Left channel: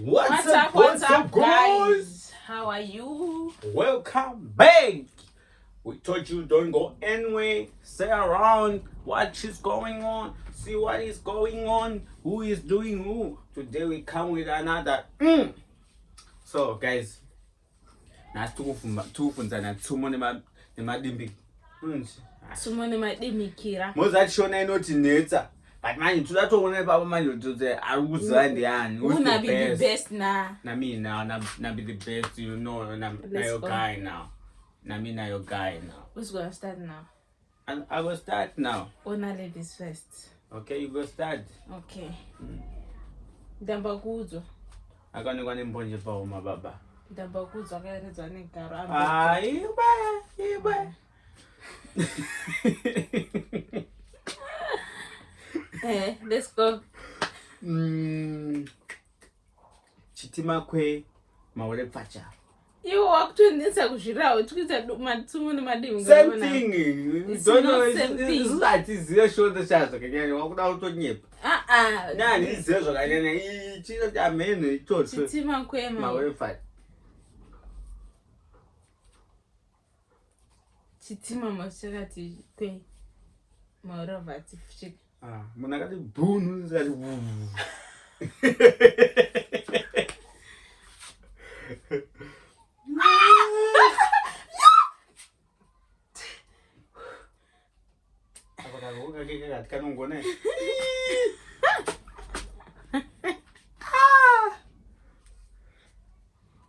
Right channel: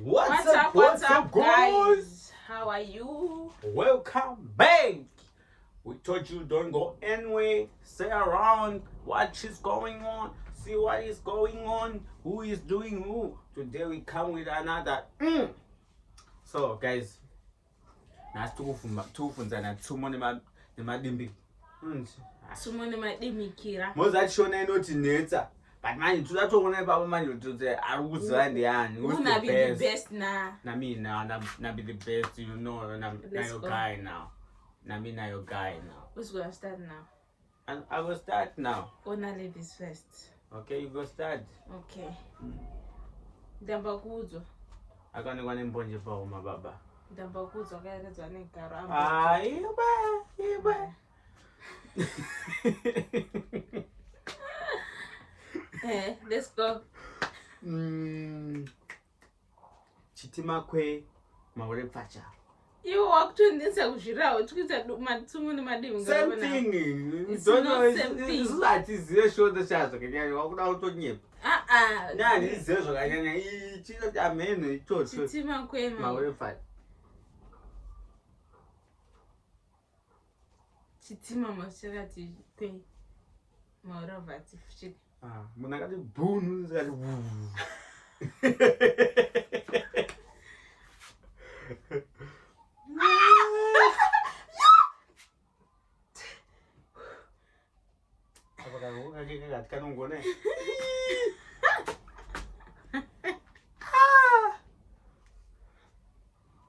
What's up, guys? How are you? Welcome back. We told you don't go anywhere. Stay around. Watch is going on. See what is going on. Who is doing who. Today we come with another. So guys, tukufunzana tumo nemadimbi. Tumo nemadimikira. Mozachona inoti netsa. But man, to that one about man to the I would say who's the best now? Na me now, na be the best, you know, na your guy now. Na me na your guy now. Who's gonna start now? And I will start now. Ona ladies first. Okay, you go start. Okay. Dambakuzo. Akane kwane mbonje pa uma baba. Dambakuzo akaeredzwa negaro. Ah, iba. Let's go. Chitima kwe mawale pacha. You walk to ndinsa kuzvirahwe tukuita matsumu nemadimi. Same thing. You don't know it's like zero shoulder shots kanyanya wakuda utonyepa. Nani zero kanyanya chino cha meno ichocho. Chitima kwe mawale pacha. Chitima mashakati kwe mawale pacha fuchika. Munakati bunu zali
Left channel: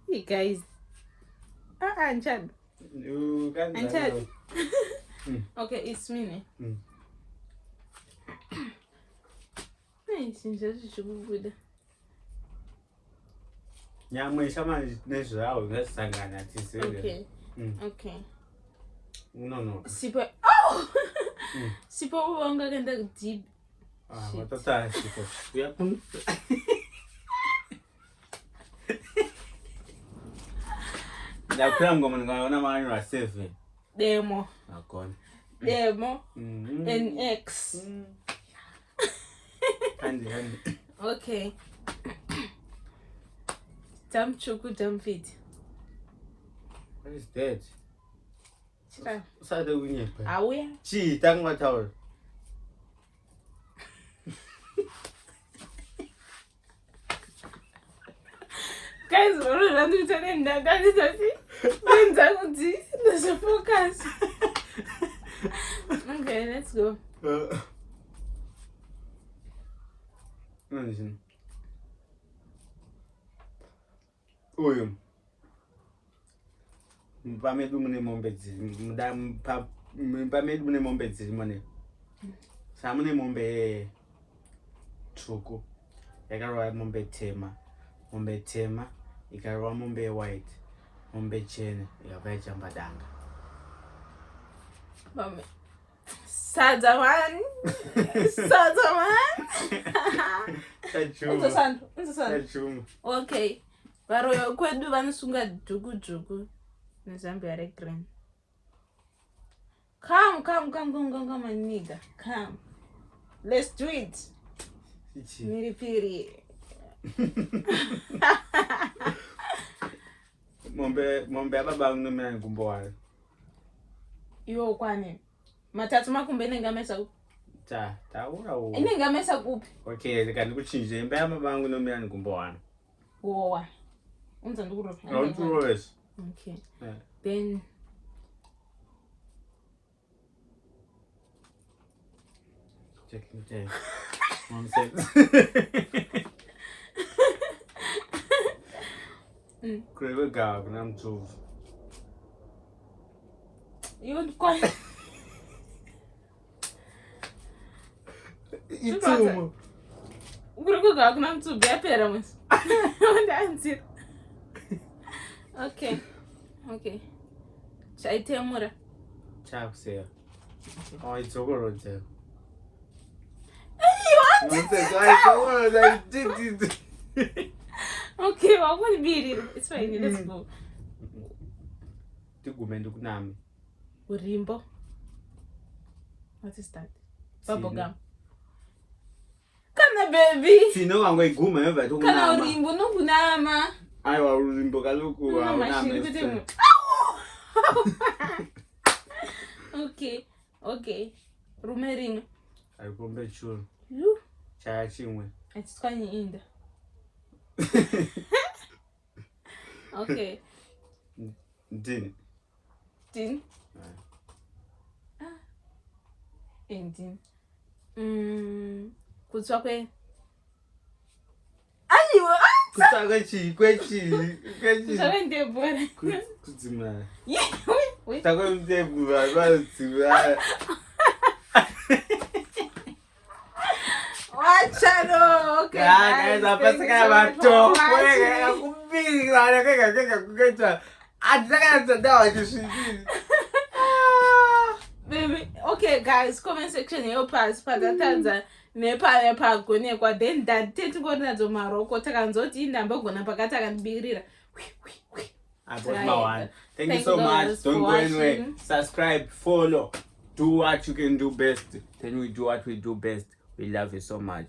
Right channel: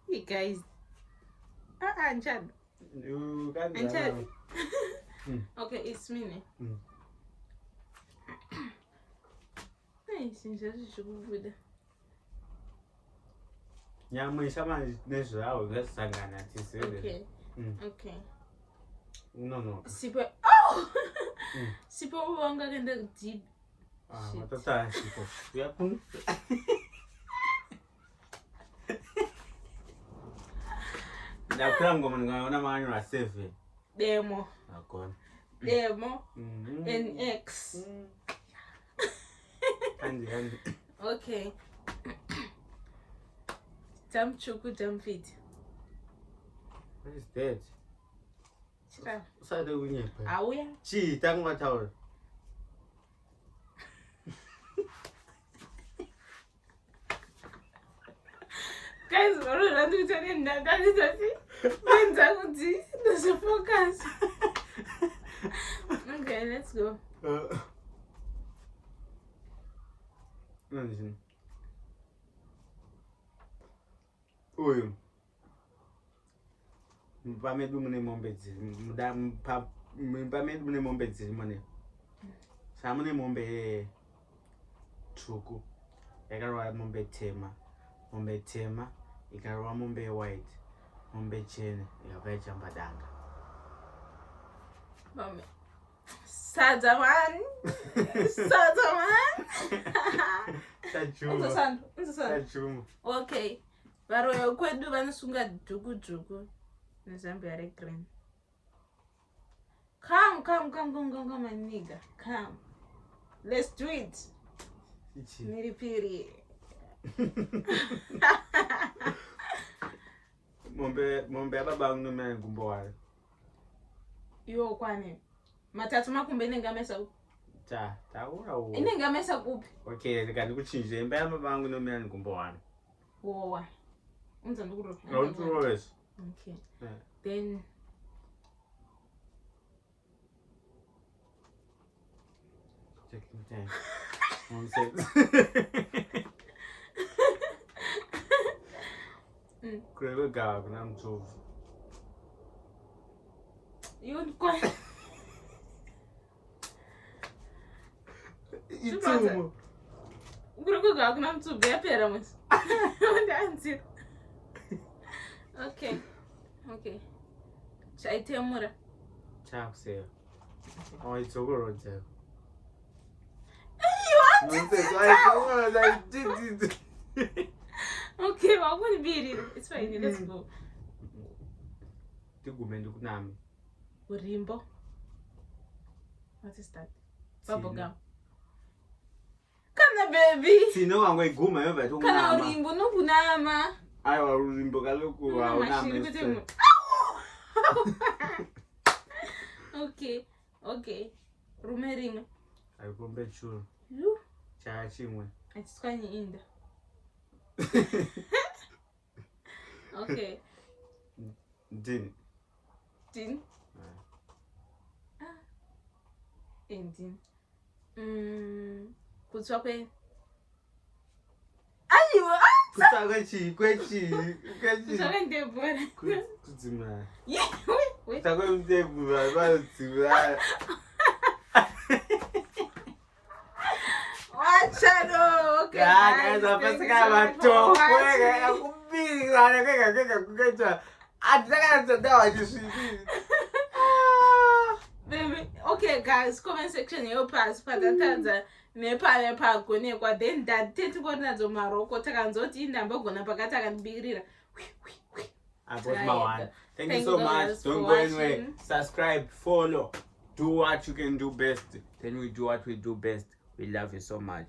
Hey guys. Anchad. Anchad. Okay, it's me. Nyama ishama nezvawo ngasangana tisere. Okay. No. Sipo. Sipo wanga kenda deep. Watata sipo. Uyapun. Ndakura ngoma ngona manyo la save. Demo. Akona. Demo. NX. Handy. Okay. Jump chuku jump fit. What is that? Chira. Sade unyepa. Awuya. Chi tangwa tawol. Guys, we're not doing that. That is it. There's a focus. Okay, let's go. Oyo. Mpamedu mune mombezi. Mpamedu mune mombezi mane. Samune mombe truku. Yakarwa mombe tema. Mombe tema. Ikarwa mombe white. Mombe chene. Yakaita mbadanga. Mame. Sadaman. Chachumu. Okay. Varoyo kwedu vanosunga dhuku nezambia regreen. Come, my nigga. Come. Let's do it. Miripiri. Mombe ababa ngumena ngumbo wale. Yo kwani. Matatu makumbe nengamesa kupi? Taura wo. Inengamesa kupi? Okay, ndikuchinje imba yamabangu nomera ngumbo wale. Wowa. Unza ndukuro. Yes. Okay. Then checking the 1 second. Kurebe gaga namthuvu. You quite. Ithumo. Kurebe gaga namthuvu yapera mas. Ndanzi. Okay. Chaitemura. Chakuseya. Oh, itsokoro nje. Okay, I want to be it. It's fine. Let's go. Tigume ndikunami. Urimbo. What is that? Bubblegum. Come Kana baby. Tino wangoiguma yova tu Kana kunama. urimbo nokunama. Aiwa urimbo kaloku Mama hauna shiri kuti mese. mu. Okay. Rume rimwe. Aikombe churu. Yu. Chaya chimwe. Atiswanye inda. Okay. Ndini. Din. Din. Kutswa kwe. Ayiwa. Kutswa kwechi. Kutswa kwe ndebora. Kudzima. Wait. Kutswa kwe ndebora. Kudzima. Wachano. Okay. Guys, apasika bato. Kwega kubiri wale kwega. Atadza dawa chisvibiri. Baby, okay guys, comment section yo pass patatadza nepaya pagonekwa then that teti nadzo maroko takanzoti indambogona pakati akandibirira. I bought my one. Thank you so much. Don't go anywhere. Subscribe, follow, do what you can do best. Then we do what we do best. We love you so much.